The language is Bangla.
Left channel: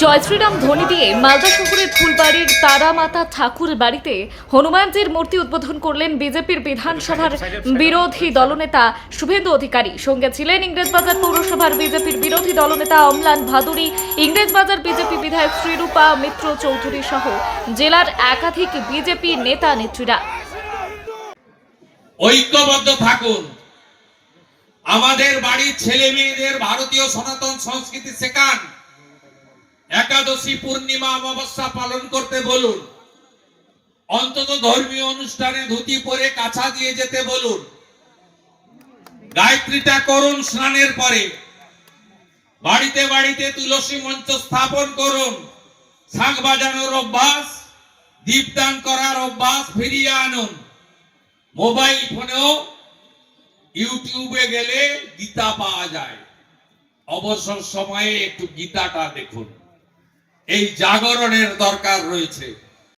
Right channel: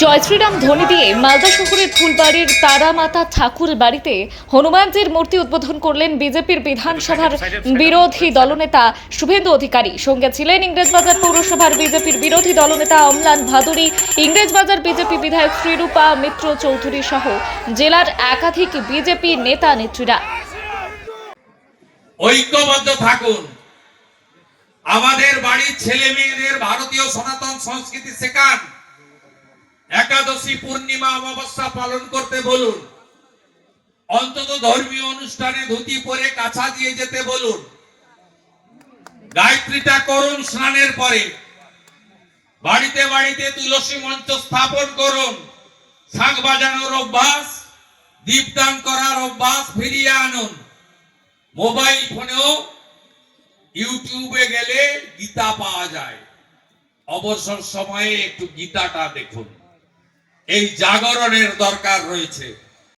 জয় শ্রীরাম ধ্বনি দিয়ে মালদা শহরের ফুলবাড়ির তারামাতা ঠাকুর বাড়িতে হনুমানজির মূর্তি উদ্বোধন করলেন বিজেপির বিধানসভার বিরোধী দলনেতা শুভেন্দু অধিকারী। সঙ্গে ছিলেন ইংরেজবাজার পৌরসভার বিজেপির বিরোধী দলনেতা অমলান ভাদুরী, ইংরেজবাজার বিজেপি বিধায়ক শ্রীরূপা মিত্র চৌধুরী সহ জেলার একাধিক বিজেপি নেতা নেত্রীরা। ঐক্যবদ্ধ থাকুন। আমাদের বাড়ির ছেলে মেয়েদের ভারতীয় সনাতন সংস্কৃতি শেখান। একাদশী পূর্ণিমা অমাবস্যা পালন করতে বলুন। অন্তত ধর্মীয় অনুষ্ঠানে ধুতি পরে কাছা দিয়ে যেতে বলুন। গায়ত্রীটা করুন স্নানের পরে। বাড়িতে বাড়িতে তুলসী মঞ্চ স্থাপন করুন। শাঁখ বাজানোর অভ্যাস, দীপদান করার অভ্যাস ফিরিয়ে আনুন। মোবাইল ফোনেও ইউটিউবে গেলে গীতা পাওয়া যায়। অবসর সময়ে একটু গীতাটা দেখুন। এই জাগরণের দরকার রয়েছে।